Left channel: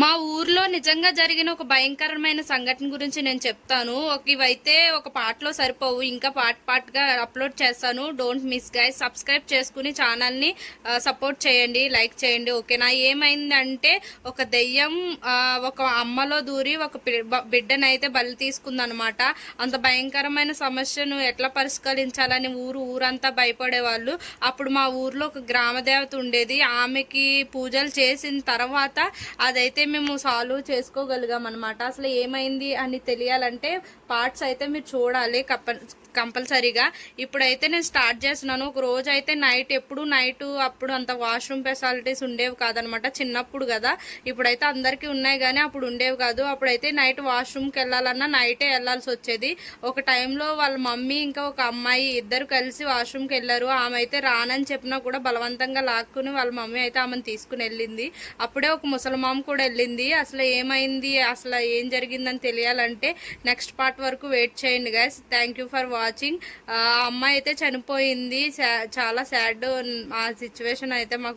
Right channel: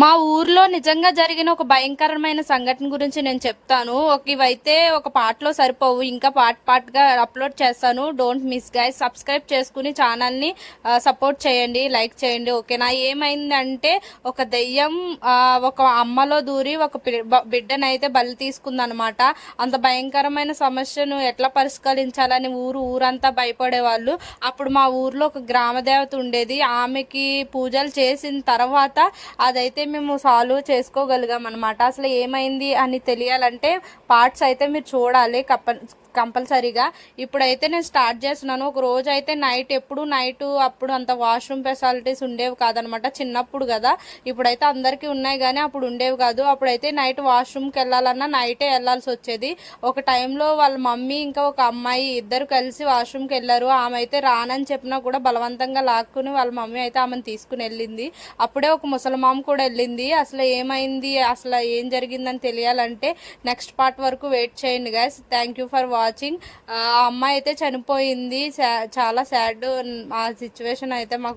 మా ఊర్లో నిజంగా జరిగిన ఒక భయంకరమైన సంఘటన గురించి నేను చెప్తాను. ఒక ఇవైతే ఒక పాటలో సరిపోవు. ఇంకా పార్ట్ పార్ట్గా అప్లోడ్ చేస్తాను. డోంట్ మిస్ గైస్ సబ్స్క్రైబ్ చేసుకుని ఛానల్ని సపోర్ట్ చేయండి. లైక్ చేయండి. ఓకేనా? ఏమైందంటే ఒక దెయ్యం ఒక అమ్మలో దూరి ఒక బిడ్డనైతే బలి తీసుకుందనమాట అంత భయంకరమైన సమస్యను ఎట్లా పరిష్కరించాలని ఊరు ఊరంతా భయపడేవాళ్ళు. అప్పుడు మా ఊర్లో ఒక గ్రామ దేవత ఉండేది. ఆమెకి పూజలు చేసిన తర్వాత అదైతే అయితే మేము సాల్వ్ చేసుకోగలిగాం అనమాట అసలు ఏమైంది అని తెలియాలంటే పార్ట్స్ అయితే మీరు చూడాలి కప్ప కంపల్సరీగా. ఇప్పుడైతే నేను స్టార్ట్ చేస్తున్నాను. ఒక రోజు అయితే నైట్ ఎప్పుడు నైట్ అప్పుడు అంత వాష్రూమ్ ఫెసిలిటీస్ ఉండేవి కాదనమాట చిన్నప్పుడు కదా. ఇప్పుడైతే అందరికీ ఉన్నాయి కానీ అప్పుడు ఉండేవి కాదు. అప్పుడైతే నైట్ వాష్రూమ్కి వెళ్ళాలన్నా నైటే వెళ్ళాల్సి వచ్చేది. ఒక టైంలో వాళ్ళ మమ్మీ ఇంకా ఒక అమ్మాయి ఇద్దరు కలిసి వాష్రూమ్కి వెళ్ళారు. ఆమె అయితే రానని చెప్పినా కూడా బలవంతంగా లాక్కుని వాళ్ళ మమ్మీ అయితే ఆమెను తీసుకుని వెళ్ళింది. అప్పుడే ఒక ముసలమామ కూడా వెళ్ళింది. అసలు ఏమైంది? అసలు ఏం జరిగిందని తెలియాలంటే నెక్స్ట్ పార్ట్ వరకు వెయిట్ చేయండి guys thank you for watching ఆ అమ్మాయి అయితే చనిపోయింది. సా- చాలా సాడ్ ఆ సిచ్యువేషన్ అయితే మాకు